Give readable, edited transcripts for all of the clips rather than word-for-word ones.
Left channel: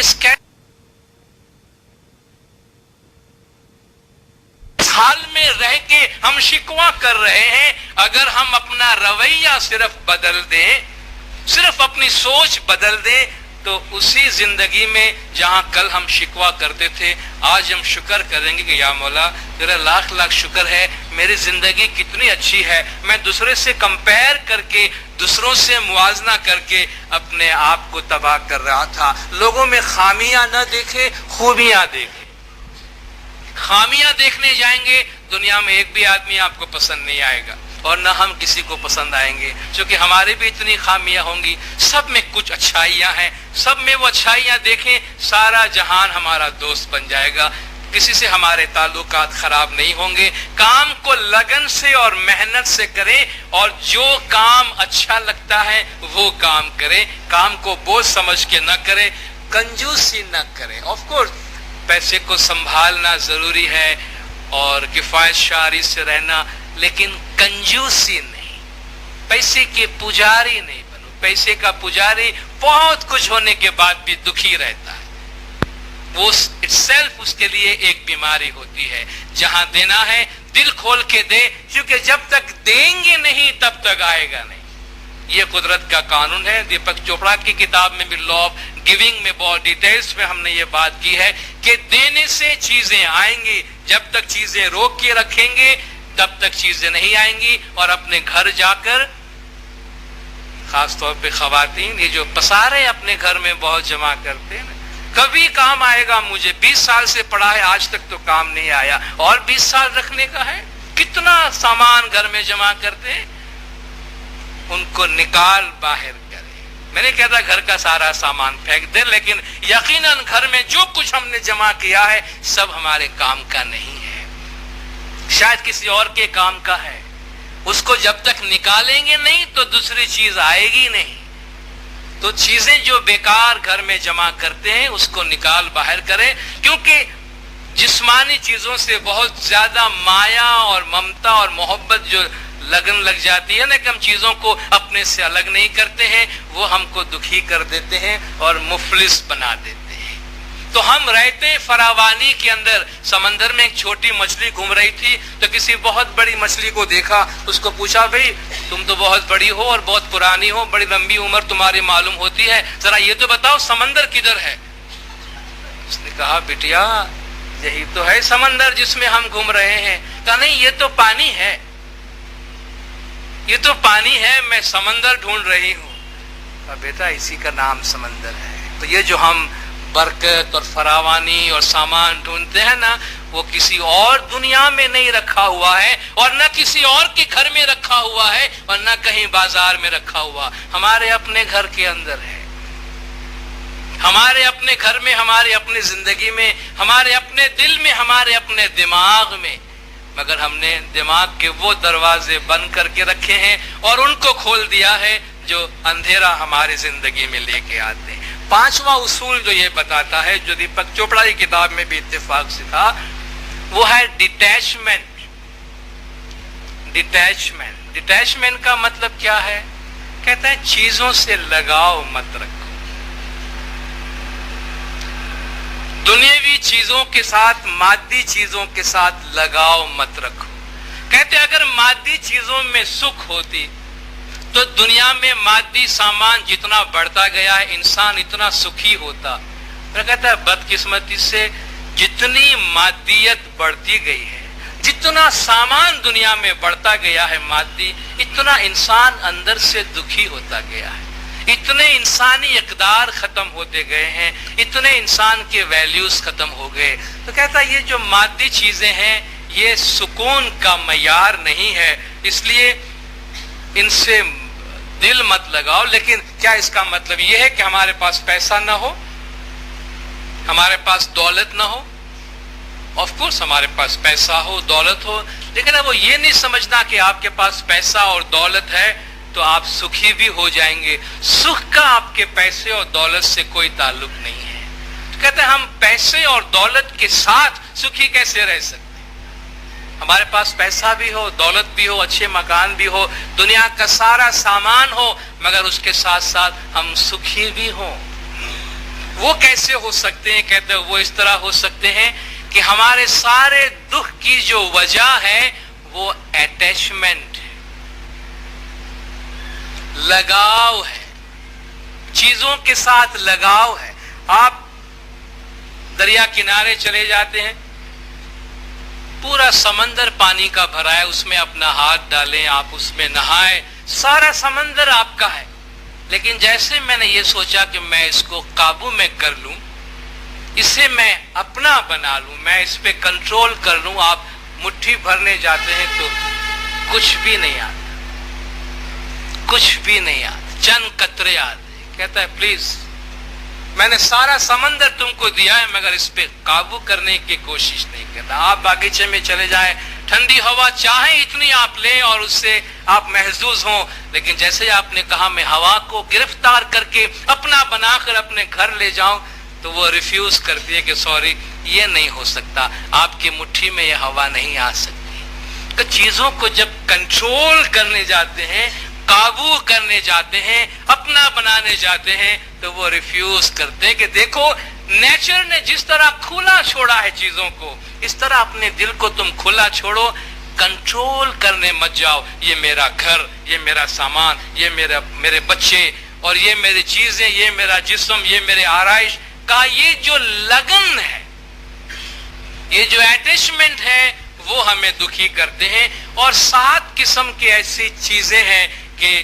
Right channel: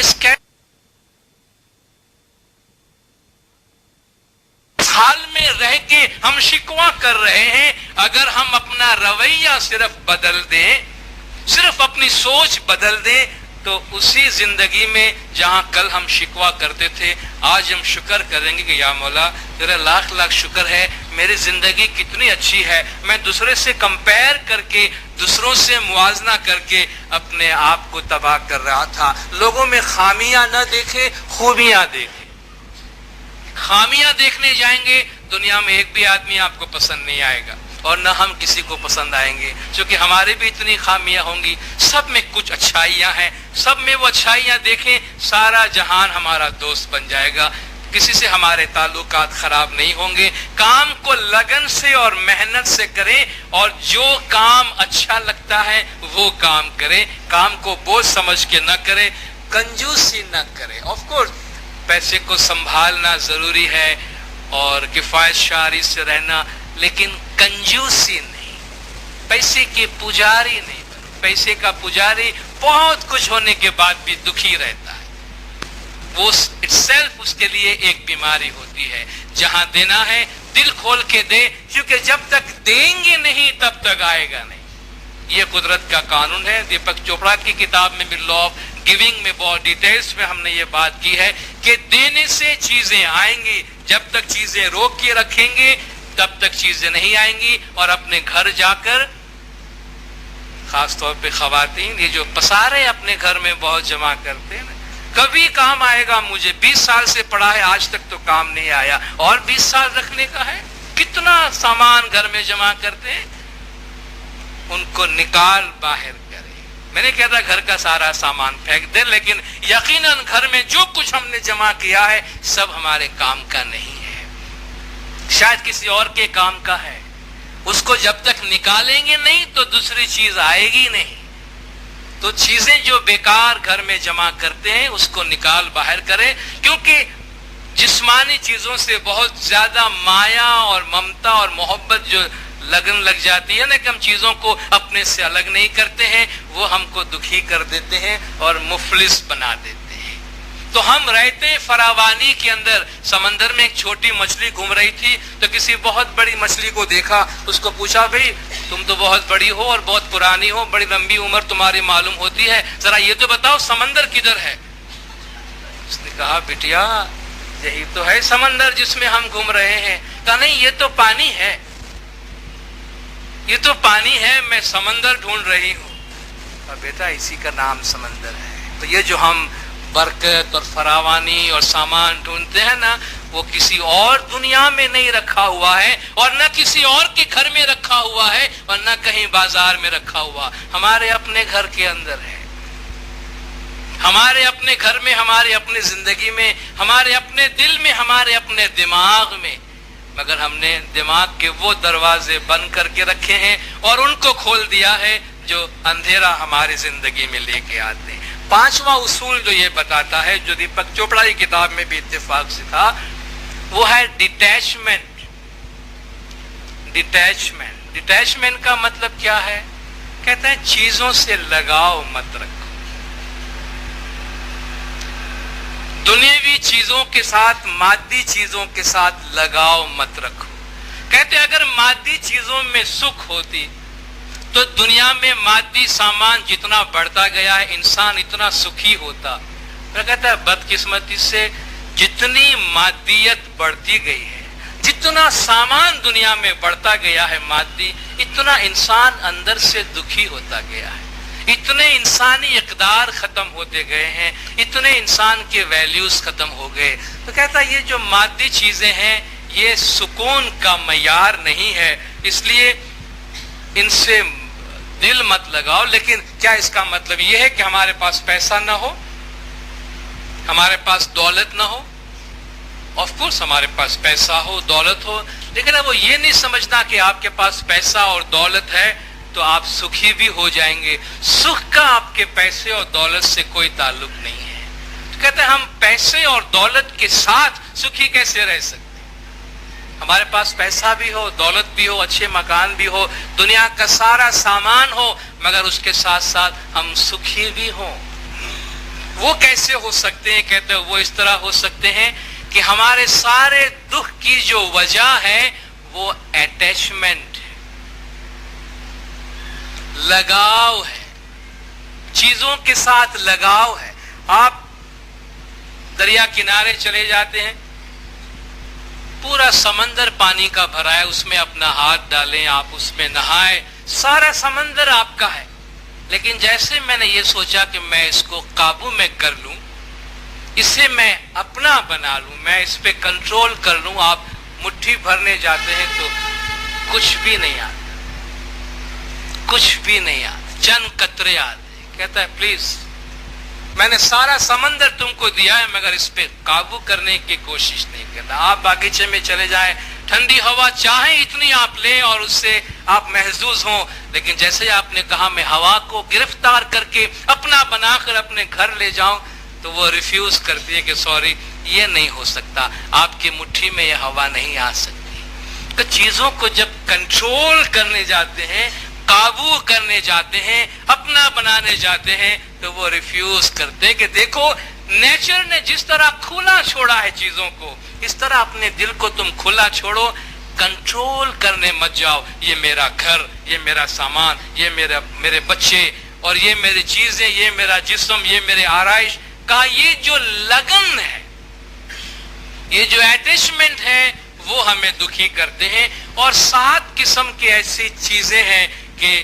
इस हाल में रह के हम शिकवा कर रहे हैं। अगर हम अपना रवैया सिर्फ बदल दें, सिर्फ अपनी सोच बदल दें, तो उसी जिंदगी में जहां कल हम शिकवा करते थे, आज हम शुक्र करेंगे कि या मौला तेरा लाख लाख शुक्र है, मेरी जिंदगी कितनी अच्छी है। मैं दूसरे से कंपेयर करके, दूसरों से मुआवजा करके अपने आप को तबाह कर रहा था। लोगों में खामियां न देखे, खूबियां देखे। खामियां देखने जाएंगे, दुनिया में एक भी आदमी आपको पसंद नहीं आएगा और न हम किसी को पसंद आएंगे, क्योंकि हमारे भी इतनी खामियां होंगी। सब में कुछ अच्छाइयां हैं, सब में वो अच्छाइयां देखें, सारा जहान हमारा दोस्त बन जाएगा। किसी से हमारे ताल्लुकात खराब नहीं होंगे। काम को लगन से और मेहनत से करें और जो काम अच्छा लगता है वो काम करें। काम को बोझ समझ के न करें, कंजूसी न करें। ऑफ कोर्स पैसे को संभालना जरूरी है और किफायत शारी से रहना, लेकिन कंजूसी नहीं। पैसे के पुजारी नहीं बनो। पैसे का पुजारी बहुत कुछ होने के बाद भी दुखी रहता है। वो इटसेल्फ उसके लिए एक बीमारी होती है। जहां देना है दिल खोल के दे, क्योंकि जब तक देंगे नहीं तब तक आएगा नहीं। ये कुदरत का कानून है। दीपक चोपड़ा की किताब में भी लॉ ऑफ गिविंग में बहुत डिटेल्स में हमने ये बात की है कि देने से चीजें आएंगी। जब तक चीजें रोक के रखेंगे तब तक चीजें नहीं आएंगी। और अपने घर जाकर, खासतौर पे खवातीन, ये जो पसारे अपने घर में बहुत जमा करते हैं, कभी काम आएगा। मुझे 20 साल से पड़ा है, आज तक तो काम नहीं आया, और 20 साल रखने का है। कितना सामान घर में जमा करते हैं, उनको निकाल बाहर करें। मैं नहीं कहता घर का सारा सामान फेंक दे, लेकिन यकीनन घर में जो कुछ हमने जमा किया है सब हमारे काम का नहीं है, शायद किसी और के काम का है। उसको जब तक निकालेंगे नहीं तो दूसरी चीज आएगी नहीं। तो चीजें जो बेकार घर में जमा करते हैं उसको निकाल बाहर करें, क्योंकि जिस्मानी चीजों से बहुत ज्यादा माया और ममता और मोहब्बत जो लगन लग जाती है ना, कि हम चीजों को अपने से अलग नहीं करते हैं, वो हमको दुखी कर देते हैं और मुफलिस बना देते हैं। तो हम रहते फरावानी के अंदर। समंदर में एक छोटी मछली घूम रही थी, तो किसी बहुत बड़ी मछली को देखा, उसको पूछा, भाई तुम तो बहुत बड़ी हो और बहुत पुरानी हो, बड़ी लंबी उम्र तुम्हारी मालूम होती है, जरा ये तो बताओ समंदर किधर है। उसने कहा, बिटिया यही तो है समंदर जिसमें हम घूम रहे हैं। कहा, नहीं ये तो पानी है, ये तो पानी है, मैं समंदर ढूंढ रही हूँ। बेटा इसी का नाम समंदर है। तो ये जो हम बरकत और फरावानी और सामान ढूंढते हैं ना, वो किसी और दुनिया में नहीं रखा हुआ है, और न किसी और के घर में रखा हुआ है, और न कहीं बाजार में रखा हुआ, हमारे अपने घर के अंदर है। हमारे अपने घर में, हमारे अपने जिंदगी में, हमारे अपने दिल में, हमारे अपने दिमाग में। मगर हमने दिमाग के वो दरवाजे बंद करके रखे हैं और उनको खोल दिया है जो अंधेरा हमारी जिंदगी में लेके आते हैं। पांचवा उसूल जो ये बताता है, जो दीपक चोपड़ा की किताब में भी इत्तेफाक से था, वो है डिटैचमेंट। डिटैचमेंट, डिटैचमेंट का मतलब क्या है? कहते हैं चीजों से लगाव मत रखो। दुनियावी चीजों के साथ, मादी चीजों के साथ लगाव मत रखो। कहते अगर मादी चीजों में सुख होती तो दुनिया में मादी सामान जितना बढ़ता गया है, इंसान इतना सुखी होता। मैं कहता है बदकिस्मती से जितनी मादियत बढ़ती गई है, जितना सामान दुनिया में बढ़ता गया है मादी, इतना इंसान अंदर से दुखी होता गया है। इतने इंसानी इक़दार खत्म होते गए हैं, इतने इंसान के वैल्यूज खत्म हो गए। तो कहता ये जो मादी चीजें हैं ये सुकून का मयार नहीं है, इसलिए इनसे दिल मत लगाओ। लेकिन क्या इसका मतलब ये है कि हमारे पास पैसा ना हो, हमारे पास दौलत ना हो? ऑफ कोर्स हमारे पास पैसा हो, दौलत हो, लेकिन अब वो ये नहीं समझना कि आपके पास पैसा और दौलत है तो आप सुखी भी हो जाएंगे। सुख का आपके पैसे और दौलत से कोई ताल्लुक नहीं है। तो कहते हैं हम पैसे और दौलत के साथ सुखी कैसे रह सकते? हमारे पास पैसा भी हो, दौलत भी हो, अच्छे मकान भी हो, दुनिया का सारा सामान हो, मगर उसके साथ साथ हम सुखी भी हो। وہ کیسے ہو سکتے ہیں؟ کہتے ہیں وہ اس طرح ہو سکتے ہیں کہ ہمارے سارے دکھ کی جو وجہ ہے وہ اٹیچمنٹ ہے، لگاؤ ہے، چیزوں کے ساتھ لگاؤ ہے۔ آپ دریا کنارے چلے جاتے ہیں، پورا سمندر پانی کا بھرا ہے، اس میں اپنا ہاتھ ڈالیں، آپ اس میں نہائیں، سارا سمندر آپ کا ہے، لیکن جیسے میں نے یہ سوچا کہ میں اس کو قابو میں کر لوں، اسے میں اپنا بنا لوں، میں اس پہ کنٹرول کر لوں، آپ مٹھی بھرنے جاتے ہیں تو کچھ بھی نہیں آتا، کچھ بھی نہیں آتا، چند قطرے آتے۔ کہتا ہے پلیز میں نے سارا سمندر تم کو دیا ہے مگر اس پہ قابو کرنے کی کوشش نہیں کرنا۔ آپ باغیچے میں چلے جائیں، ٹھنڈی ہوا چاہیں اتنی آپ لیں اور اس سے آپ محظوظ ہوں، لیکن جیسے آپ نے کہا میں ہوا کو گرفتار کر کے اپنا بنا کر اپنے گھر لے جاؤں تو وہ ریفیوز کرتی ہے کہ سوری یہ نہیں ہو سکتا، آپ کی مٹھی میں یہ ہوا نہیں آ سکتی۔ تو چیزوں کو جب کنٹرول کرنے جاتے ہیں، قابو کرنے جاتے ہیں، اپنا بنانے جاتے ہیں تو وہ ریفیوز کرتے ہیں کہ دیکھو نیچر نے جس طرح کھلا چھوڑا ہے چیزوں کو، اس طرح اپنے دل کو تم کھلا چھوڑو، کنٹرول کرنے مت جاؤ۔ یہ میرا گھر، یہ میرا سامان، یہ میرے بچے اور یہ میری چیزیں، یہ میرا جسم، یہ میرے آرائش کا یہ جو لگن ہے، یہ جو اٹیچمنٹ ہے وہ ہمیں دکھی کرتے ہیں۔ اور 7 قسم کی ایسی چیزیں ہیں کہ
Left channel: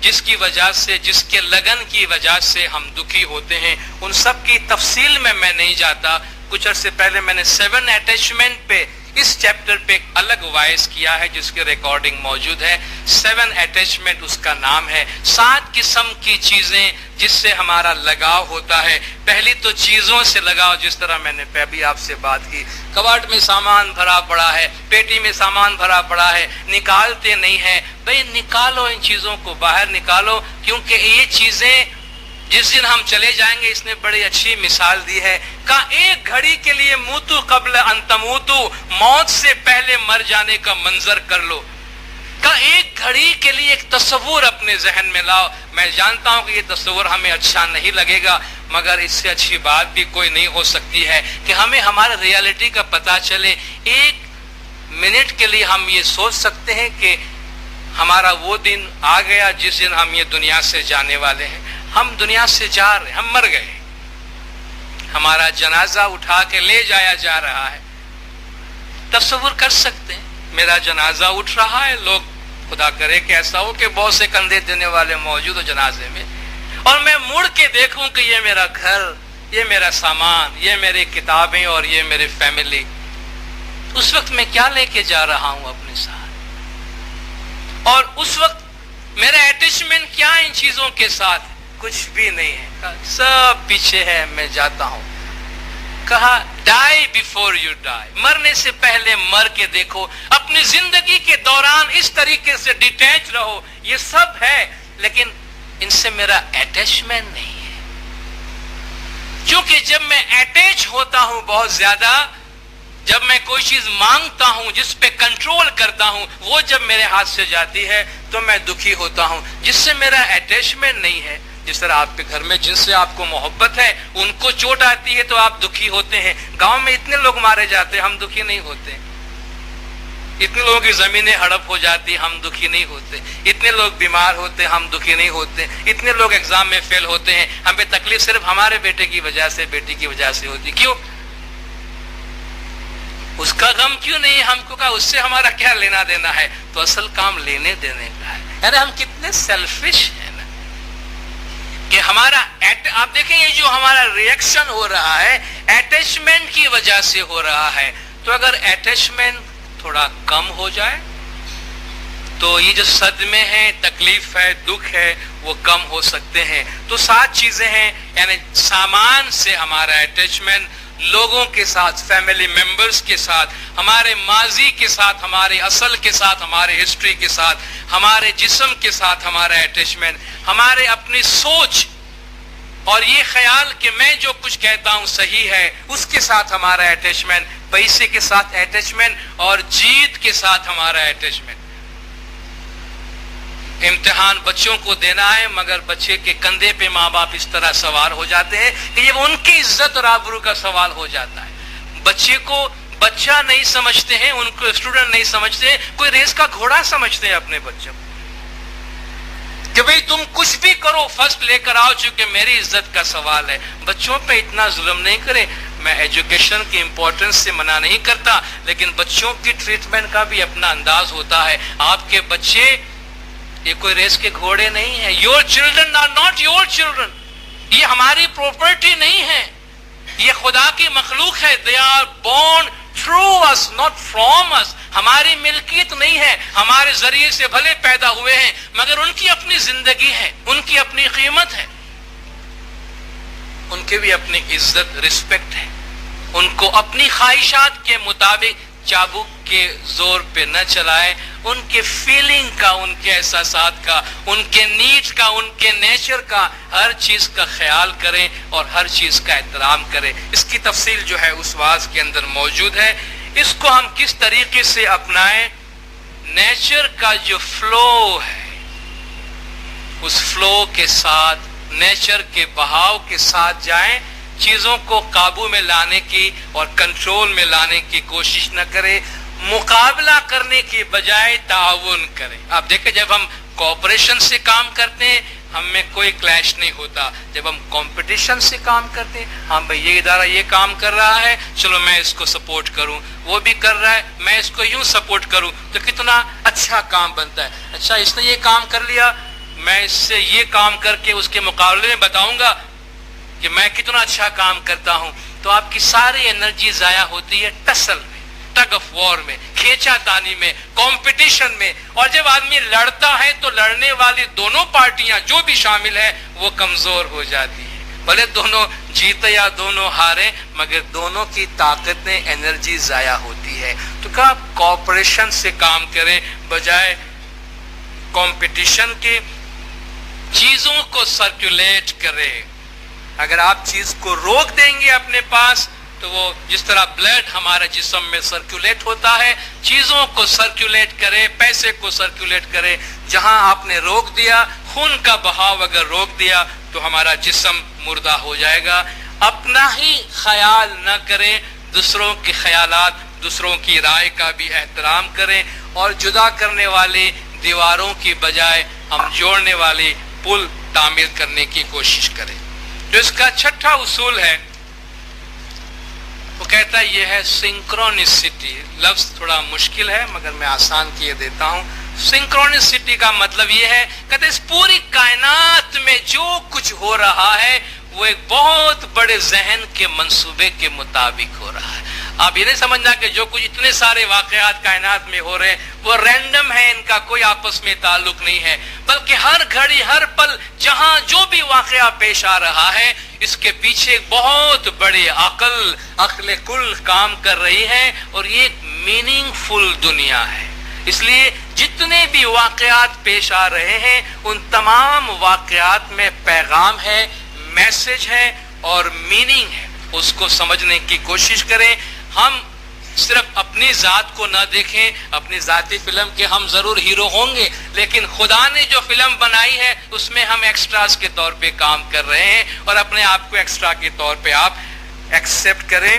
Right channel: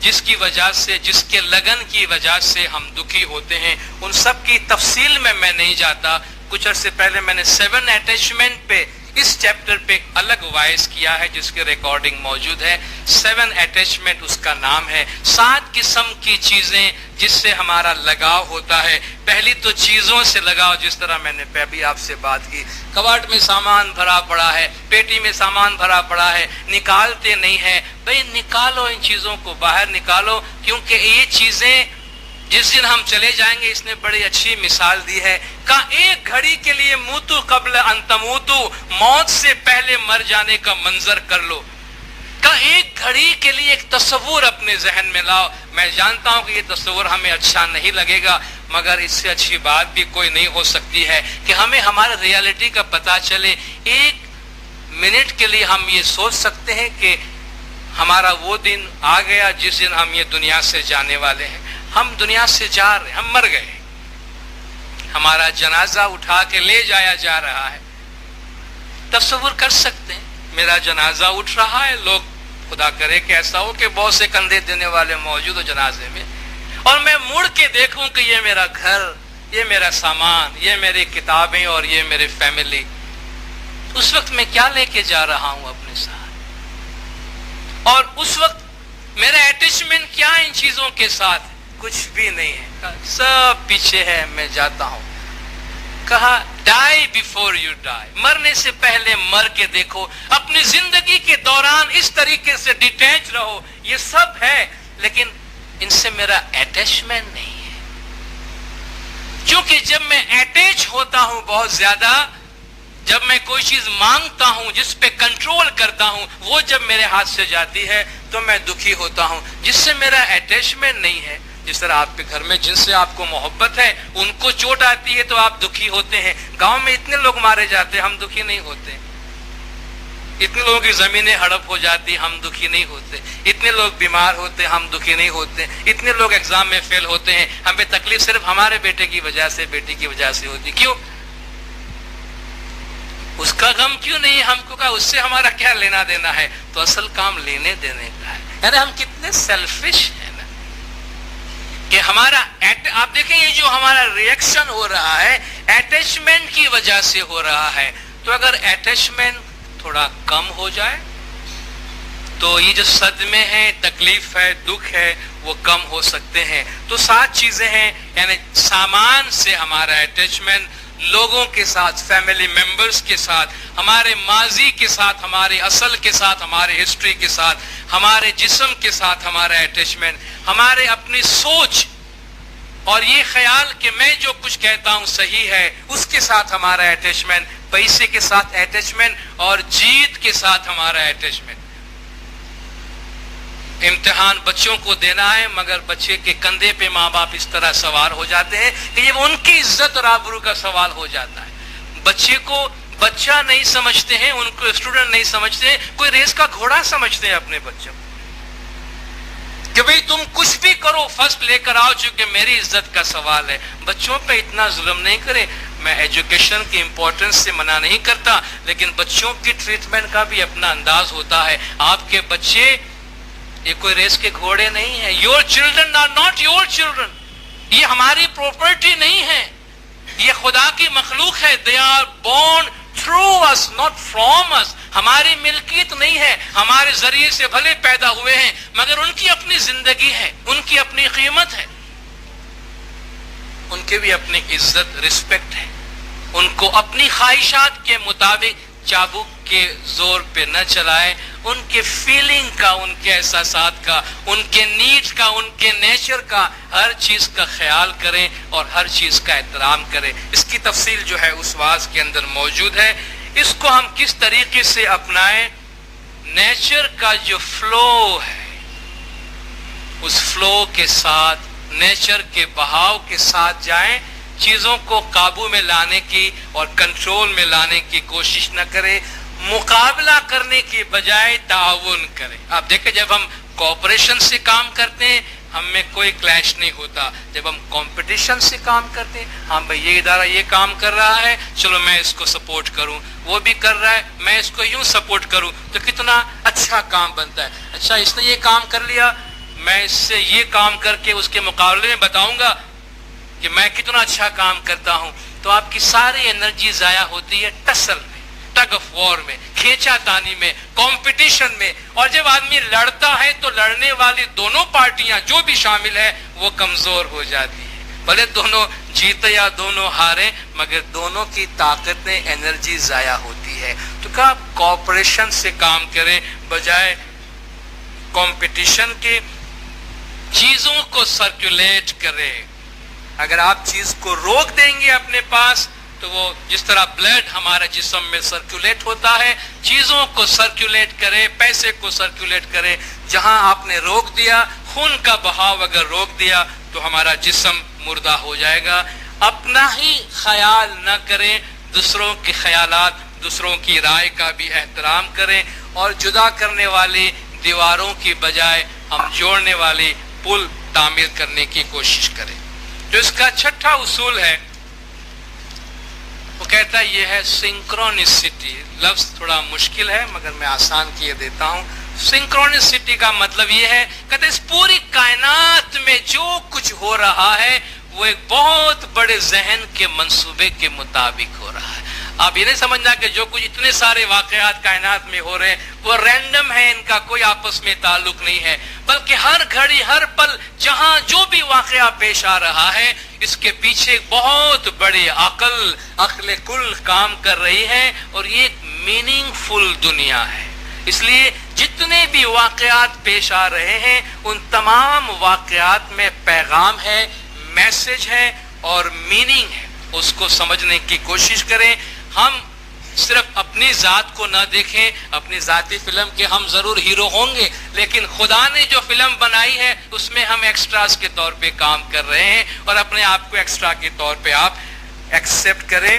جس کی وجہ سے، جس کے لگن کی وجہ سے ہم دکھی ہوتے ہیں، ان سب کی تفصیل میں نہیں جاتا۔ کچھ عرصے پہلے میں نے 7 اٹیچمنٹ پہ اس چیپٹر پہ ایک الگ وائس کیا ہے جس کی ریکارڈنگ موجود ہے۔ 7 اٹیچمنٹ اس کا نام ہے، 7 قسم کی چیزیں جس سے ہمارا لگاؤ ہوتا ہے۔ پہلی تو چیزوں سے لگاؤ، جس طرح میں نے ابھی آپ سے بات کی، کباڑ میں سامان بھرا پڑا ہے، پیٹی میں سامان بھرا پڑا ہے، نکالتے نہیں ہیں، بھئی نکالو، ان چیزوں کو باہر نکالو، کیونکہ یہ چیزیں جس دن ہم چلے جائیں گے، اس نے بڑی اچھی مثال دی ہے، کہا ایک گھڑی کے لیے موتو قبل ان تموتو، موت سے پہلے مر جانے کا منظر کر لو۔ کہا ایک گھڑی کے لیے ایک تصور اپنے ذہن میں لاؤ۔ میں جانتا ہوں کہ یہ تصور ہمیں اچھا نہیں لگے گا، مگر اس سے اچھی بات بھی کوئی نہیں ہو سکتی ہے کہ ہمیں ہمارے ریالٹی کا پتہ چلے۔ ایک منٹ کے لیے ہم یہ سوچ سکتے ہیں کہ ہمارا وہ دن آ گیا جس دن ہم یہ دنیا سے جانے والے ہیں، ہم دنیا سے جا رہے ہیں، ہم مر گئے، ہمارا جنازہ اٹھا کے لے جایا جا رہا ہے۔ تصور کر سکتے ہیں میرا جنازہ اٹھ رہا ہے، لوگ خدا کرے کہ ایسا ہو کہ بہت سے کندھے دینے والے موجود ہو جنازے میں، اور میں مڑ کے دیکھوں کہ یہ میرا گھر، یہ میرا سامان، یہ میری کتابیں اور یہ میری فیملی، اس وقت میں کیا لے کے جا رہا ہوں اپنے ساتھ؟ اور اس وقت میرا اٹیچمنٹ کیا ان چیزوں کے ساتھ؟ کچھ بھی نہیں ہے، سب پیچھے ہے، میں جاتا ہوں۔ کہا ڈائی بیفور یو ڈائی، مرنے سے پہلے مر کے دیکھو، اپنی زندگی کے دوران اس طریقے سے ڈیٹیچ رہو۔ یہ سب ہے لیکن ان سے میرا اٹیچمنٹ نہیں ہے، کیونکہ جب میں اٹیچ ہوتا ہوں بہت زیادہ، جب میں کوئی چیز مانگتا ہوں، جس پہ کنٹرول کرتا ہوں، وہ جب میرے ہاتھ سے جاتی ہے تو میں دکھی ہوتا ہوں۔ جس سے میرا اٹیچمنٹ نہیں ہے، جس طرح آپ کے گھر میں جن سے آپ کو محبت ہے ان کو چوٹ آتی ہے تو آپ دکھی ہوتے ہیں۔ گاؤں میں اتنے لوگ مارے جاتے ہیں، ہم دکھی نہیں ہوتے۔ اتنے لوگوں کی زمینیں ہڑپ ہو جاتی، ہم دکھی نہیں ہوتے۔ اتنے لوگ بیمار ہوتے، ہم دکھی نہیں ہوتے۔ اتنے لوگ ایگزام میں فیل ہوتے ہیں، ہمیں تکلیف صرف ہمارے بیٹے کی وجہ سے، بیٹی کی وجہ سے ہوتی۔ کیوں؟ اس کا غم کیوں نہیں؟ ہم کو کہا اس سے ہمارا کیا لینا دینا ہے؟ تو اصل کام لینے دینے کا ہے۔ یعنی ہم کتنے سیلفش ہیں نا کہ ہمارا آپ دیکھیں یہ جو ہمارا ریئیکشن ہو رہا ہے اٹیچمنٹ کی وجہ سے ہو رہا ہے۔ تو اگر اٹیچمنٹ تھوڑا کم ہو جائے تو یہ جو صدمے ہیں، تکلیف ہے، دکھ ہے، وہ کم ہو سکتے ہیں۔ تو 7 چیزیں ہیں، یعنی سامان سے ہمارا اٹیچمنٹ، لوگوں کے ساتھ، فیملی ممبرز کے ساتھ، ہمارے ماضی کے ساتھ، ہمارے اصل کے ساتھ، ہمارے ہسٹری کے ساتھ، ہمارے جسم کے ساتھ ہمارا اٹیچمنٹ، ہمارے اپنی سوچ اور یہ خیال کہ میں جو کچھ کہتا ہوں صحیح ہے، اس کے ساتھ ہمارا اٹیچمنٹ، پیسے کے ساتھ اٹیچمنٹ اور جیت کے ساتھ ہمارا اٹیچمنٹ۔ امتحان بچوں کو دینا ہے، مگر بچے کے کندھے پہ ماں باپ اس طرح سوار ہو جاتے ہیں کہ یہ ان کی عزت اور آبرو کا سوال ہو جاتا ہے۔ بچے کو بچہ نہیں سمجھتے ہیں، ان کو اسٹوڈنٹ نہیں سمجھتے ہیں، کوئی ریس کا گھوڑا سمجھتے ہیں اپنے بچوں کہ بھئی تم کچھ بھی کرو فرسٹ لے کر آؤ، چونکہ میری عزت کا سوال ہے۔ بچوں پہ اتنا ظلم نہیں کرے۔ میں ایجوکیشن کی امپورٹنس سے منع نہیں کرتا، لیکن بچوں کی ٹریٹمنٹ کا بھی اپنا انداز ہوتا ہے۔ آپ کے بچے یہ کوئی ریس کے گھوڑے نہیں ہیں۔ Your children are not your children, یہ ہماری پراپرٹی نہیں ہے، یہ خدا کی مخلوق ہے۔ They are born through us not from us, ہماری ملکیت نہیں ہے، ہمارے ذریعے سے بھلے پیدا ہوئے ہیں مگر ان کی اپنی زندگی ہے، ان کی اپنی قیمت ہے، ان کی بھی اپنی عزت رسپیکٹ ہے۔ ان کو اپنی خواہشات کے مطابق چابک کے زور پہ نہ چلائے، ان کے فیلنگ کا، ان کے احساسات کا، ان کے نیڈ کا، ان کے نیچر کا، ہر چیز کا خیال کریں اور ہر چیز کا احترام کریں۔ اس کی تفصیل جو ہے اس واعظ کے اندر موجود ہے۔ اس کو ہم کس طریقے سے اپنائیں؟ نیچر کا جو فلو ہے اس فلو کے ساتھ، نیچر کے بہاؤ کے ساتھ جائیں، چیزوں کو قابو میں لانے کی اور کنٹرول میں لانے کی کوشش نہ کرے، مقابلہ کرنے کی بجائے تعاون کریں۔ آپ دیکھیں جب ہم کوآپریشن سے کام کرتے ہیں ہم میں کوئی کلیش نہیں ہوتا، جب ہم کمپٹیشن سے کام کرتے ہیں، ہاں بھئی یہ ادارہ یہ کام کر رہا ہے، چلو میں اس کو سپورٹ کروں، وہ بھی کر رہا ہے میں اس کو یوں سپورٹ کروں، تو کتنا اچھا کام بنتا ہے۔ اچھا اس نے یہ کام کر لیا، میں اس سے یہ کام کر کے اس کے مقابلے میں بتاؤں گا کہ میں کتنا اچھا کام کرتا ہوں، تو آپ کی ساری انرجی ضائع ہوتی ہے ٹسل میں، ٹگ آف وار میں، کھینچا تانی میں، کمپٹیشن میں۔ اور جب آدمی لڑتا ہے تو لڑنے والی دونوں پارٹیاں جو بھی شامل ہیں وہ کمزور ہو جاتی ہیں، بھلے دونوں جیتے یا دونوں ہارے مگر دونوں کی طاقتیں انرجی ضائع ہوتی ہے۔ تو کہا کوآپریشن سے کام کریں بجائے کمپٹیشن کے، چیزوں کو سرکولیٹ کریں۔ اگر آپ چیز کو روک دیں گے اپنے پاس تو وہ جس طرح بلڈ ہمارے جسم میں سرکولیٹ ہوتا ہے، چیزوں کو سرکولیٹ کرے، پیسے کو سرکولیٹ کرے۔ جہاں آپ نے روک دیا، خون کا بہاؤ اگر روک دیا تو ہمارا جسم مردہ ہو جائے گا۔ اپنا ہی خیال نہ کریں، دوسروں کے خیالات، دوسروں کی رائے کا بھی احترام کریں، اور جدا کرنے والی دیواروں کی بجائے ہم جوڑنے والی پل تعمیر کرنے کی کوشش کریں۔ جو اس کا چھٹا اصول ہے وہ کہتا ہے یہ ہے سنکرونسٹی۔ لفظ تھوڑا مشکل ہے مگر میں آسان کیے دیتا ہوں۔ سنکرونسٹی کا مطلب یہ ہے کہ اس پوری کائنات میں جو کچھ ہو رہا ہے وہ ایک بہت بڑے ذہن کے منصوبے کے مطابق ہو رہا ہے۔ آپ یہ نہیں سمجھنا کہ جو کچھ اتنے سارے واقعات کائنات میں ہو رہے ہیں وہ رینڈم ہے، ان کا کوئی آپس میں تعلق نہیں ہے، بلکہ ہر گھڑی ہر پل جہاں جو بھی واقعہ پیش آ رہا ہے اس کے پیچھے بہت بڑی عقل کل کام کر رہی ہے، اور یہ ایک میننگ فل دنیا ہے۔ اس لیے جتنے بھی واقعات پیش آ رہے ہیں ان تمام واقعات میں پیغام ہے، میسج ہے اور میننگ ہے۔ اس کو سمجھنے کی کوشش کریں۔ ہم صرف اپنی ذات کو نہ دیکھیں، اپنی ذاتی فلم کے ہم ضرور ہیرو ہوں گے، لیکن خدا نے جو فلم بنائی ہے اس میں ہم ایکسٹراز کے طور پہ کام کر رہے ہیں، اور اپنے آپ کو ایکسٹرا کے طور پہ آپ ایکسپٹ کریں۔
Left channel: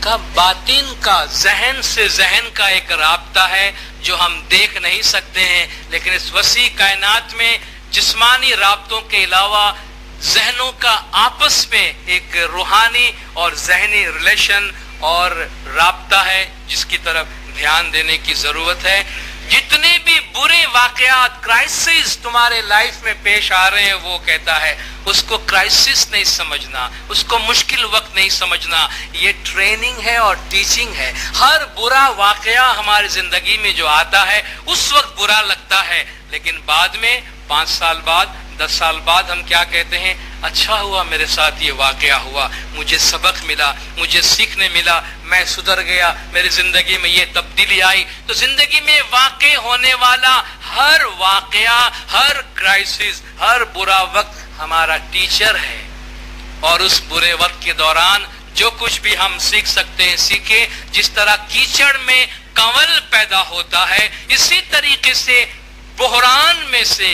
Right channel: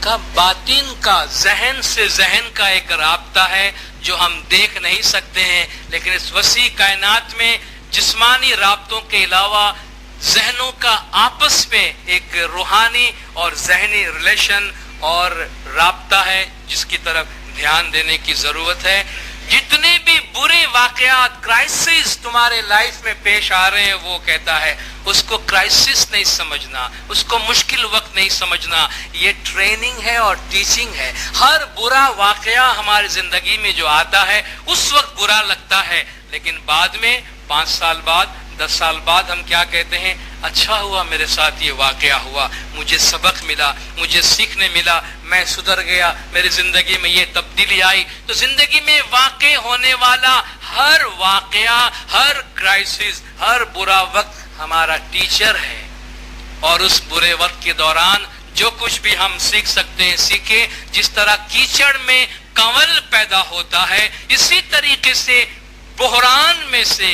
کا باطن کا، ذہن سے ذہن کا ایک رابطہ ہے جو ہم دیکھ نہیں سکتے ہیں، لیکن اس وسیع کائنات میں جسمانی رابطوں کے علاوہ ذہنوں کا آپس میں ایک روحانی اور ذہنی ریلیشن اور رابطہ ہے جس کی طرف دھیان دینے کی ضرورت ہے۔ جتنے بھی برے واقعات، کرائسس تمہارے لائف میں پیش آ رہے ہیں، وہ کہتا ہے اس کو کرائسس نہیں سمجھنا، اس کو مشکل وقت نہیں سمجھنا، یہ ٹریننگ ہے اور ٹیچنگ ہے۔ ہر برا واقعہ ہماری زندگی میں جو آتا ہے اس وقت برا لگتا ہے، لیکن بعد میں 5 سال بعد 10 سال بعد ہم کیا کہتے ہیں؟ اچھا ہوا میرے ساتھ یہ واقعہ ہوا، مجھے سبق ملا، مجھے سیکھنے ملا، میں سدھر گیا، میری زندگی میں یہ تبدیلی آئی۔ تو زندگی میں واقع ہونے والا ہر واقعہ، ہر کرائسس، ہر برا وقت ہمارا ٹیچر ہے، اور اس برے وقت کے دوران جو کچھ بھی ہم سیکھ سکتے ہیں سیکھیں۔ جس طرح کیچڑ میں کنول پیدا ہوتا ہے، اسی طریقے سے बहरान में से,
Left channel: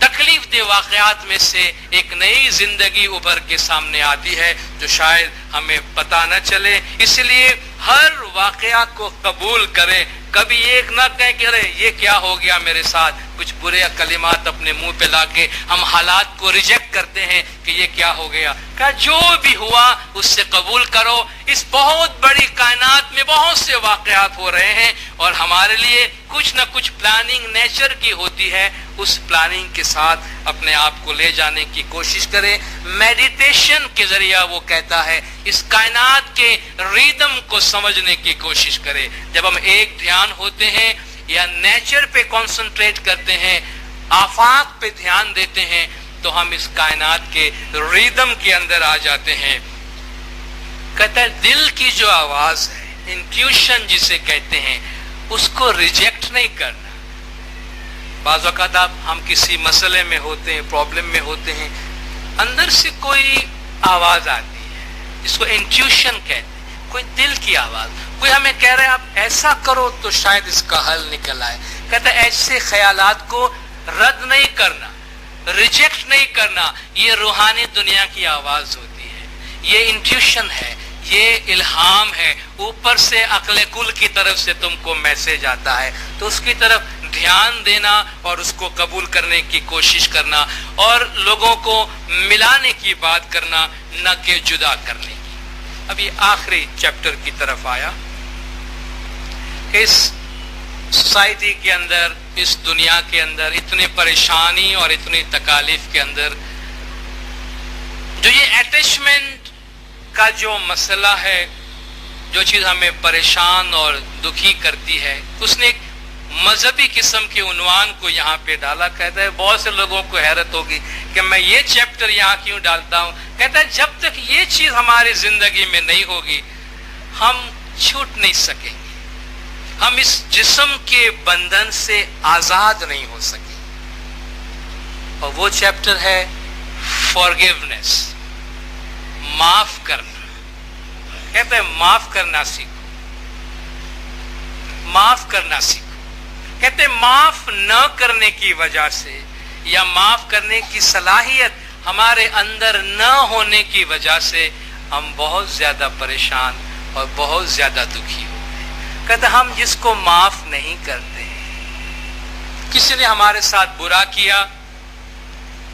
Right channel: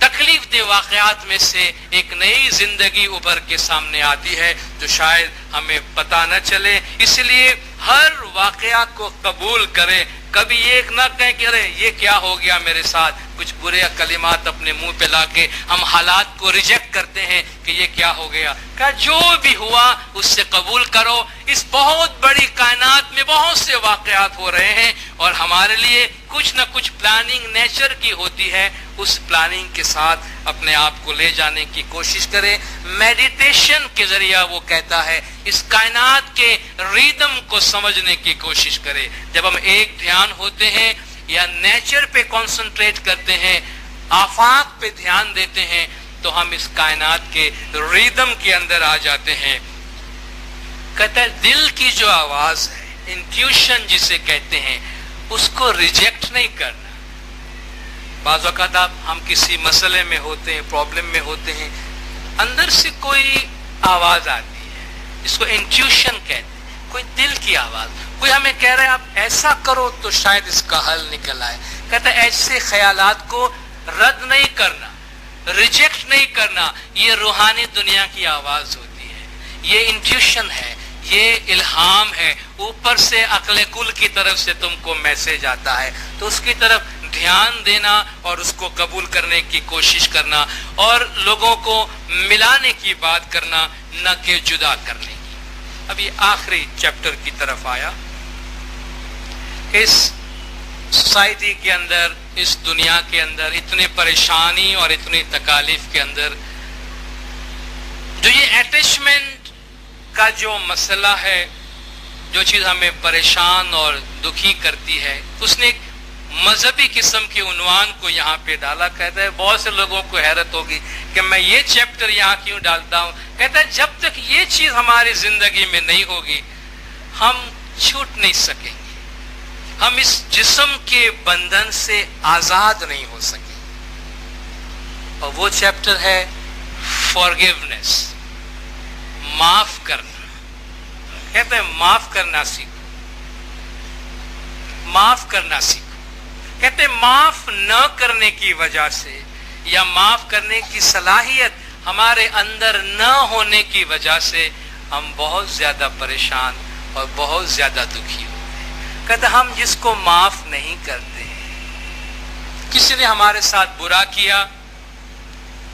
तकलीफ दे वाकयात में से एक नई जिंदगी उभर के सामने आती है जो शायद हमें पता न चले। इसलिए हर वाकया को कबूल करें, कभी ये ना कहें कि अरे ये क्या हो गया मेरे साथ, कुछ बुरे कलिमात अपने मुंह पे लाके हम हालात को रिजेक्ट करते हैं कि ये क्या हो गया। क्या जो भी हुआ उससे कबूल करो। इस बहुत बड़ी कायनात में बहुत से वाकयात हो रहे हैं और हमारे लिए कुछ ना कुछ प्लानिंग नेचर की होती है। उस प्लानिंग के साथ अपने आप को ले जाने की कोशिश करें। मेडिटेशन के जरिए वो कहता है इस कायनात के रिदम को समझने की कोशिश करें। जब हम एक ध्यान होते हैं या नेचर पे कंसंट्रेट करते हैं, आफाक पे ध्यान देते हैं, तो हम इस कायनात के रिदम के अंदर आ जाते हैं। कहता है दिल की जो आवाज है, इंट्यूशन जिसे कहते हैं, उसको रिजेक्ट नहीं करना। बाज़ वक़्त हम किसी मसले में होते हैं, प्रॉब्लम में होते हैं, अंदर से कोई आवाज आती है, इसको इंट्यूशन कहते हैं, कोई दिल की आवाज, कोई हमें कह रहा है आप ऐसा करो तो शायद इसका हल निकल आए। कहता है ऐसे ख्यालात को रद्द नहीं करना, रिजेक्ट नहीं करना। ये रूहानी दुनिया की आवाज होती है, ये इंट्यूशन है, ये इल्हाम है, ऊपर से अक्ल कुल की तरफ से तुमको मैसेज आता है, तो उसकी तरफ ध्यान देना और उसको कबूल करने की कोशिश करना और लोगों को मिलाने की बात करना, न कि जुदा करने की। अभी आखिरी चैप्टर की तरफ आया। इस सोसाइटी के अंदर, इस दुनिया के अंदर इतनी परेशानी और इतनी तकालीफ के अंदर जो ये अटैचमेंट का जो मसला है, जो चीज हमें परेशान और दुखी करती है, उसने एक मजहबी किस्म के उन्वान को यहाँ पे डाला। कहता है बहुत से लोगों को हैरत होगी कि मैं ये चैप्टर यहाँ क्यों डालता हूँ। कहता है जब तक ये चीज हमारी जिंदगी में नहीं होगी हम छूट नहीं सकेंगे, हम इस जिस्म के बंधन से आजाद नहीं हो सके। और वो चैप्टर है फॉरगिवनेस, माफ करना। कहते हैं माफ करना सीखो, माफ करना सीखो। कहते हैं माफ न करने की वजह से या माफ करने की सलाहियत हमारे अंदर न होने की वजह से हम बहुत ज्यादा परेशान और बहुत ज्यादा दुखी हो गए। कहते हम जिसको माफ नहीं करते, किसी ने हमारे साथ बुरा किया,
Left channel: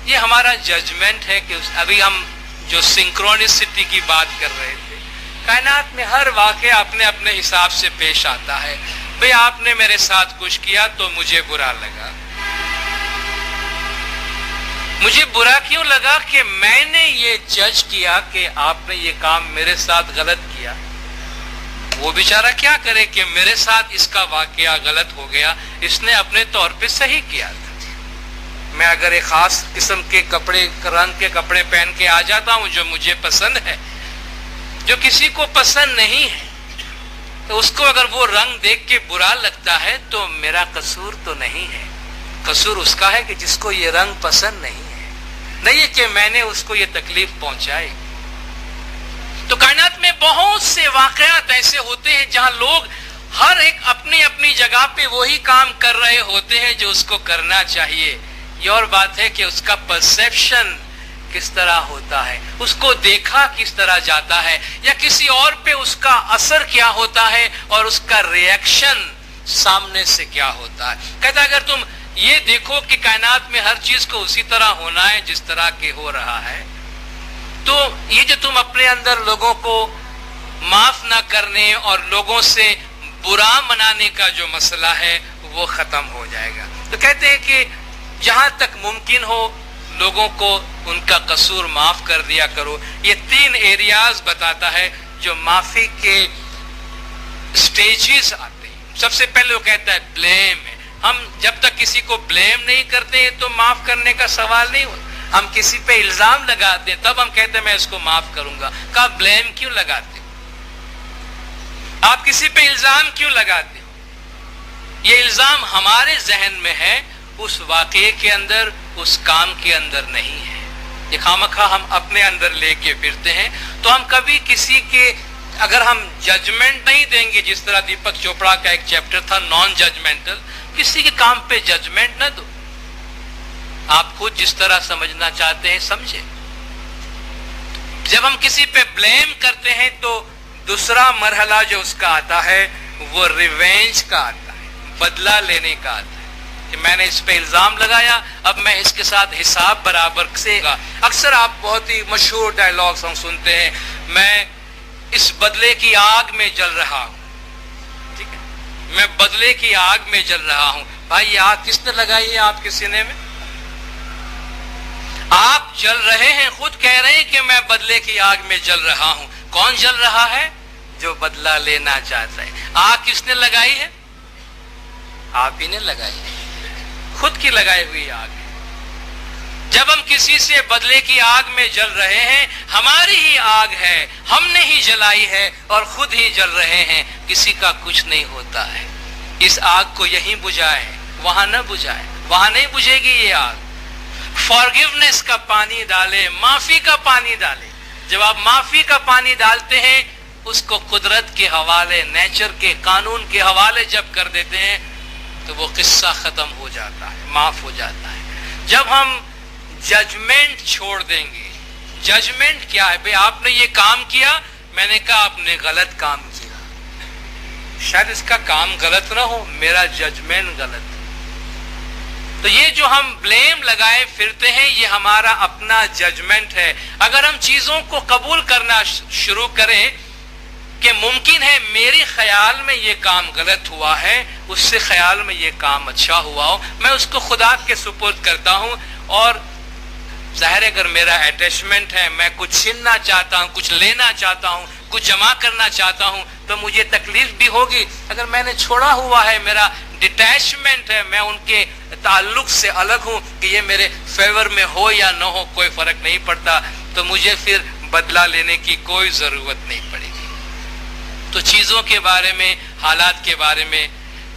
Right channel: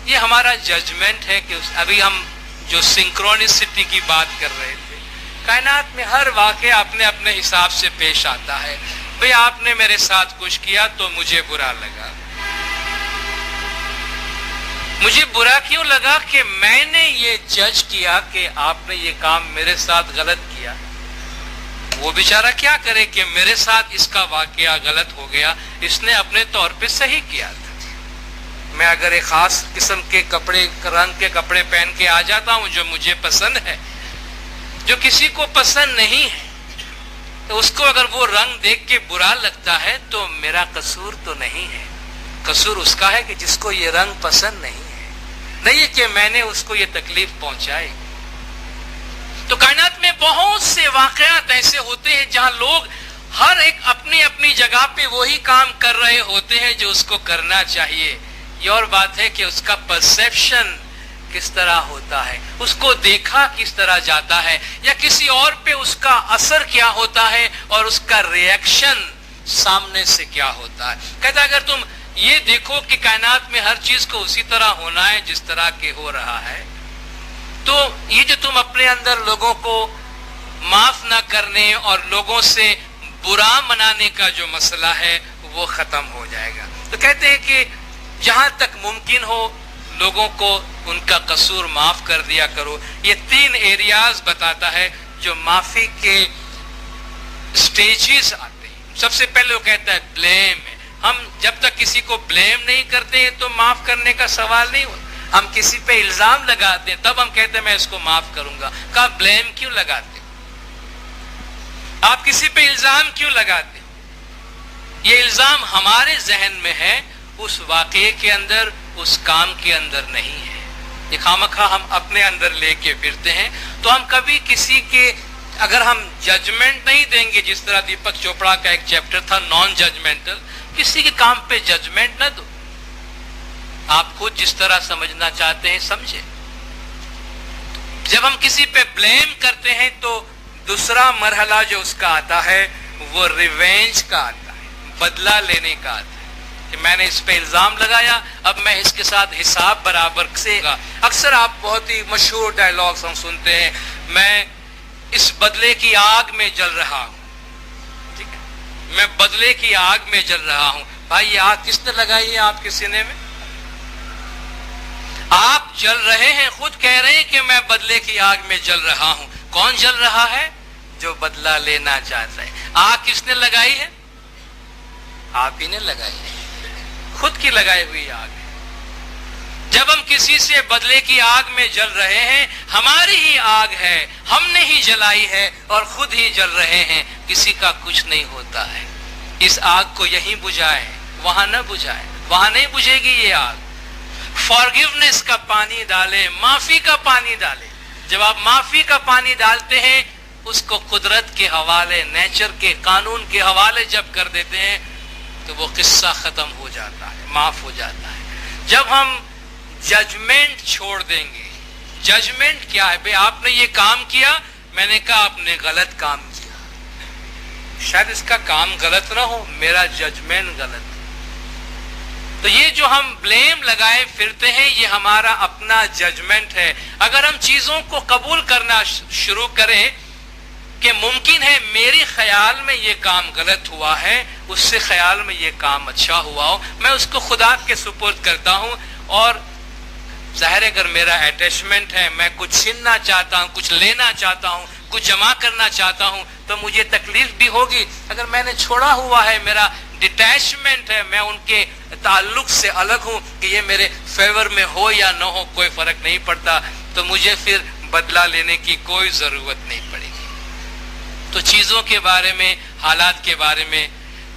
ये हमारा जजमेंट है कि अभी हम जो सिंक्रोनिसिटी की बात कर रहे थे, कायनात में हर वाक़या अपने अपने हिसाब से पेश आता है। भाई आपने मेरे साथ कुछ किया तो मुझे बुरा लगा। मुझे बुरा क्यों लगा कि मैंने ये जज किया कि आपने ये काम मेरे साथ गलत किया। वो बेचारा क्या करे कि मेरे साथ इसका वाकया गलत हो गया, इसने अपने तौर पे सही किया था। मैं अगर एक खास किस्म के कपड़े, रंग के कपड़े पहन के आ जाता हूं जो मुझे पसंद है, जो किसी को पसंद नहीं है, तो उसको अगर वो रंग देख के बुरा लगता है तो मेरा कसूर तो नहीं है। कसूर उसका है कि जिसको ये रंग पसंद नहीं है, नहीं है कि मैंने उसको ये तकलीफ पहुंचाई। तो कायनात में बहुत से वाकयात ऐसे होते हैं जहां लोग हर एक अपनी अपनी जगह पे वही काम कर रहे होते हैं जो उसको करना चाहिए। ये और बात है कि उसका परसेप्शन किस तरह होता है, उसको देखा किस तरह जाता है, या किसी और पे उसका असर क्या होता है और उसका रिएक्शन सामने से क्या होता है। कहता अगर तुम ये देखो कि कायनात में हर चीज को उसी तरह होना है जिस तरह के हो रहा है, तो ये जो तुम अपने अंदर लोगों को माफ ना करने और लोगों से बुरा मनाने का जो मसला है वो खत्म हो जाएगा। तो कहते हैं कि जहां तक मुमकिन हो लोगों को उनका कसूर माफ कर दिया करो। ये 3 एरियाज बताता है जो माफी के स्टेजेस आते हैं। सबसे पहले वो कहता है ब्लेम है। हम जब तक किसी को ब्लेम नहीं करते हैं तो माफ करने का सवाल नहीं होता। हम किसी पे इल्जाम लगाते हैं तब हम कहते हैं मैं इसको माफ करूंगा। कहा ब्लेम क्यों लगाते हो? आप किसी पे इल्जाम क्यों लगाते हो? ये इल्जाम हमारे जहन में है, उस वाकये के अंदर, उस काम के अंदर नहीं है। ये खामखा हम अपने अंदर लेके फिरते हैं। तो हम कभी किसी के, अगर हम जजमेंट नहीं देंगे, जिस तरह दीपक चोपड़ा का एक चैप्टर था नॉन जजमेंटल, किसी के काम पे जजमेंट न दो, आप खुद जिस तरह समझना चाहते हैं समझे। जब हम किसी पे ब्लेम करते हैं तो दूसरा मरहला जो उसका आता है वो रिवेंज का आता है, बदला लेने का आता है कि मैंने इस पे इल्जाम लगाया, अब मैं इसके साथ हिसाब बराबर से। अक्सर आप बहुत ही मशहूर डायलॉग्स हम सुनते हैं, मैं इस बदले की आग में जल रहा हूं, ठीक है, मैं बदले की आग में जल रहा हूं। भाई ये आग किसने लगाई है आपके सीने में? आप जल रहे हैं, खुद कह रहे हैं कि मैं बदले की आग में जल रहा हूं। कौन जल रहा है? जो बदला लेना चाहता है। आग किसने लगाई है? आप ही ने लगाई है, खुद की लगाई हुई आग है। जब हम किसी से बदले की आग में जल रहे हैं, हमारी ही आग है, हमने ही जलाई है और खुद ही जल रहे हैं, किसी का कुछ नहीं होता है। इस आग को यहीं बुझाएं, वहां न बुझाएं, वहां नहीं बुझेगी ये आग। फॉरगिवनेस का पानी डालें, माफी का पानी डालें। जब आप माफी का पानी डालते हैं, उसको कुदरत के हवाले, नेचर के कानून के हवाले जब कर देते हैं तो वो किस्सा खत्म हो जाता है, माफ हो जाता है। जब हम जजमेंट छोड़ देंगे, जजमेंट क्या है? भाई आपने ये काम किया, मैंने कहा आपने गलत काम किया, शायद इसका काम गलत ना हो, मेरा जजमेंट गलत। तो ये जो हम ब्लेम लगाए फिरते हैं, ये हमारा अपना जजमेंट है। अगर हम चीजों को कबूल करना शुरू करें कि मुमकिन है मेरे ख्याल में ये काम गलत हुआ है, उससे ख्याल में ये काम अच्छा हुआ हो, मैं उसको खुदा के सुपुर्द करता हूं। और जाहिर है अगर मेरा अटैचमेंट है, मैं कुछ छीनना चाहता हूं, कुछ लेना चाहता हूं, कुछ जमा करना चाहता हूं, तो मुझे तकलीफ भी होगी। अगर मैंने छोड़ा हुआ है, मेरा डिटैचमेंट है, मैं उनके ताल्लुक से अलग हूं कि ये मेरे फेवर में हो या न हो कोई फर्क नहीं पड़ता, तो मुझे फिर बदला लेने की कोई जरूरत नहीं पड़ेगी। तो चीजों के बारे में, हालात के बारे में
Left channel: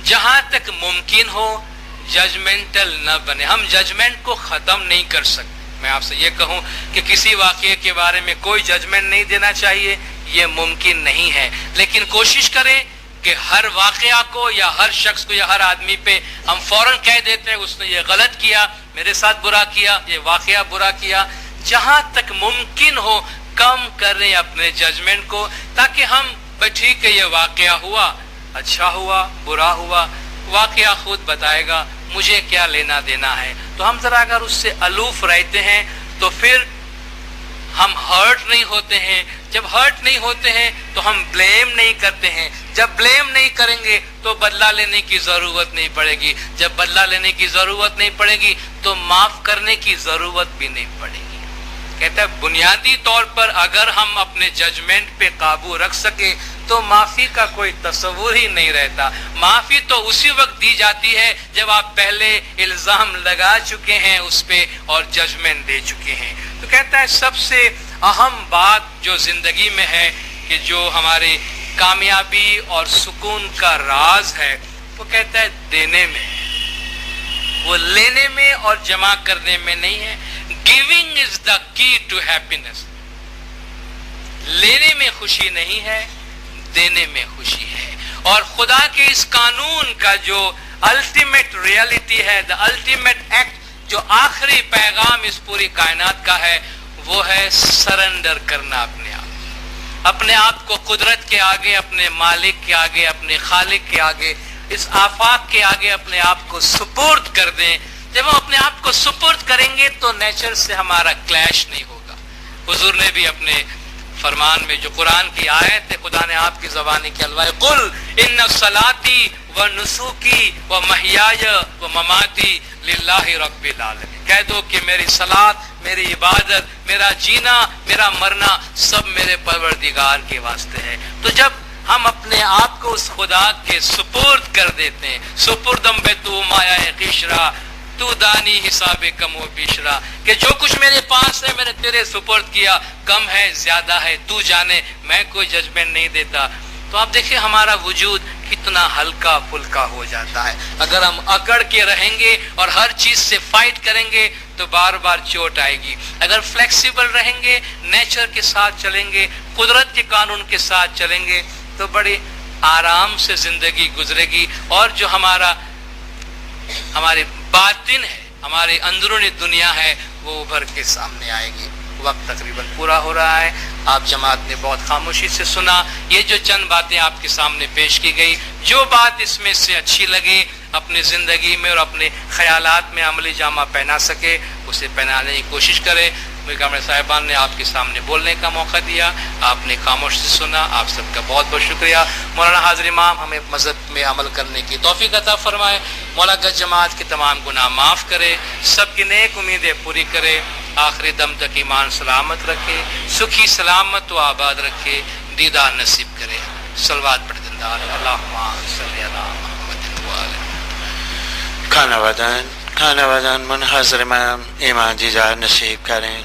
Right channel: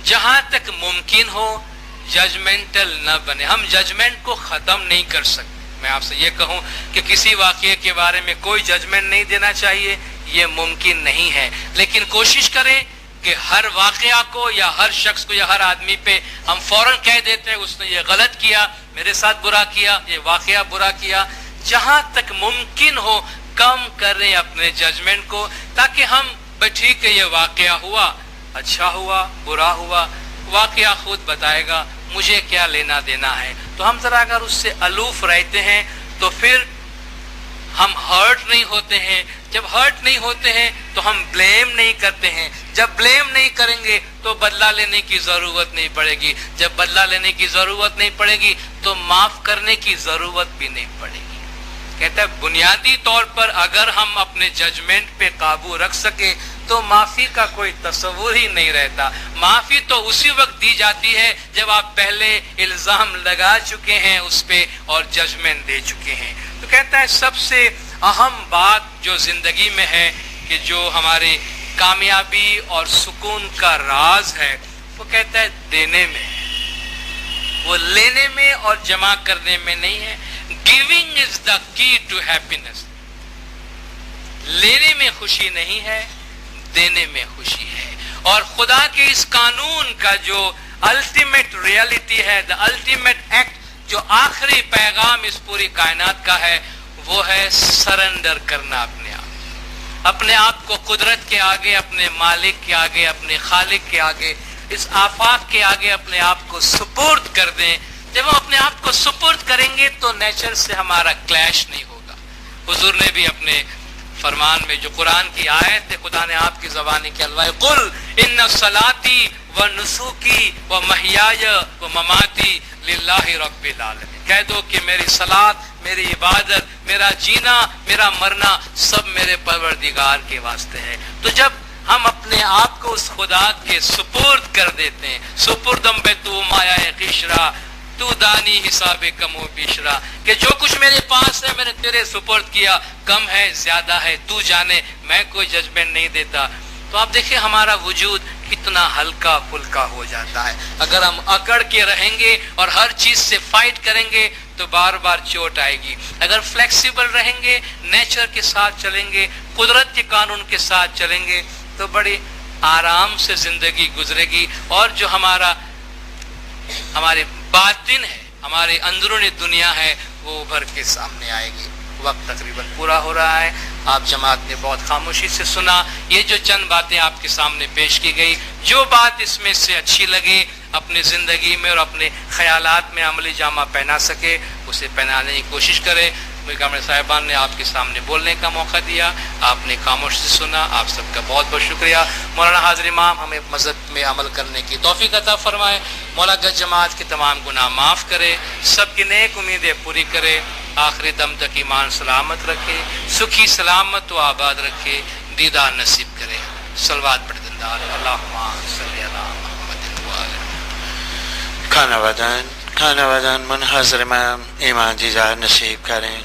जहां तक मुमकिन हो जजमेंटल न बने। हम जजमेंट को खत्म नहीं कर सकते। मैं आपसे ये कहूं कि किसी वाकये के बारे में कोई जजमेंट नहीं देना चाहिए, ये मुमकिन नहीं है। लेकिन कोशिश करें कि हर वाकया को या हर शख्स को या हर आदमी पे हम फौरन कह देते हैं उसने ये गलत किया, मेरे साथ बुरा किया, ये वाकया बुरा किया। जहां तक मुमकिन हो कम करें अपने जजमेंट को, ताकि हम ठीक है ये वाकया हुआ, अच्छा हुआ, बुरा हुआ, वाकया खुद बताएगा, मुझे क्या लेना देना है। तो हम जरा अगर उससे अलूफ रहते हैं तो फिर हम हर्ट नहीं होते हैं। जब हर्ट नहीं होते हैं तो हम ब्लेम नहीं करते हैं। जब ब्लेम नहीं करेंगे तो बदला लेने की जरूरत नहीं पड़ेगी। जब बदला लेने की जरूरत नहीं पड़ेगी तो माफ करने की जरूरत भी नहीं पड़ेगी। कहता है बुनियादी तौर पर अगर हम अपने जजमेंट पे काबू रख सके तो माफी का कोई तस्वुर ही नहीं रहता। माफी तो उसी वक्त दी जाती है जब आप पहले इल्जाम लगा चुके हैं उस पे और जजमेंट दे चुके हैं। तो कहता है सबसे अहम बात जो जिंदगी में है कि जो हमारे कामयाबी और सुकून का राज है, वो कहता है देने में, वो लेने में और जमा करने में नहीं है। Giving is the key to happiness. लेने में खुशी नहीं है, देने में खुशी है। और खुदा के इस कानून का जो अल्टीमेट रियलिटी है, द अल्टीमेट एक्ट, जो आखिरी पैगाम इस पूरी कायनात का है, वो है सरेंडर करना अपने आप को कुदरत के आगे, अपने मालिक के आगे, अपने खालिक के आगे, इस आफाक के आगे अपने आप को सुपुर्द कर दें। जब हम अपने आप को सुपुर्द करेंगे तो नेचर से हमारा क्लैश नहीं होगा। हुजूर ने भी अपने फरमान में जो कुरान की आयत है, खुदा ने आपकी ज़बानी के अलवाए कुल इन्ना सलाती व नुसूकी व महियाय व ममाती लिल्लाहि रब्बिल आलमीन। कह दो कि मेरी सलात, मेरी इबादत, मेरा जीना, मेरा मरना सब मेरे परवरदिगार के वास्ते है। तो जब हम अपने आप को उस खुदा के सुपुर्द कर देते हैं, सुपुर्दम बे तू माया किशरा तू दानी हिसाबे कमो बिशरा, कि जो कुछ मेरे पास है मैंने तेरे सुपुर्द किया, कम है ज्यादा है तू जाने, मैं कोई जजमेंट नहीं देता। तो आप देखिए हमारा वजूद कितना हल्का फुल्का हो जाता है। अगर हम अकड़ के रहेंगे और हर चीज से फाइट करेंगे तो बार बार चोट आएगी। अगर फ्लेक्सिबल रहेंगे, नेचर के साथ चलेंगे, कुदरत के कानून के साथ चलेंगे, तो बड़ी आराम से जिंदगी गुजरेगी। और जो हमारा ہماری باطن ہے، ہماری اندرونی دنیا ہے، وہ ابھر کے سامنے آئے گی۔ وقت تقریباً پورا ہو رہا ہے، آپ جماعت نے بہت خاموشی سے سنا، یہ جو چند باتیں آپ کے سامنے پیش کی گئی، جو بات اس میں سے اچھی لگے اپنی زندگی میں اور اپنے خیالات میں عملی جامہ پہنا سکے اسے پہنانے کی کوشش کرے۔ میر کامل صاحبان نے آپ کے سامنے بولنے کا موقع دیا، آپ نے خاموشی سے سنا، آپ سب کا بہت بہت شکریہ۔ مولانا حاضر امام ہمیں مذہب میں عمل کرنے کی توفیق عطا فرمائے، مولا گج جماعت کے تمام گناہ معاف کرے، سب کی نیک امیدیں پوری کرے، آخری دم تک ایمان سلامت رکھے، سکھی سلامت و آباد رکھے، دیدار نصیب کرے۔ صلوات پڑھ دندار اللہم صلی علی محمد و آلہ۔ کھانا ودان منحضر امام ایمان دیدار نصیب کریں۔